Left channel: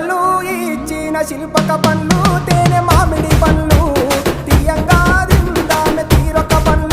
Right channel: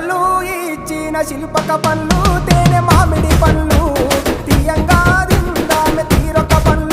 చెట్టోళ్ళు ఇచ్చిన శిల్పక పండ్లు తేనె మామిడి పండ్లు తీయంగా తిందామె తీరొక పండ్లు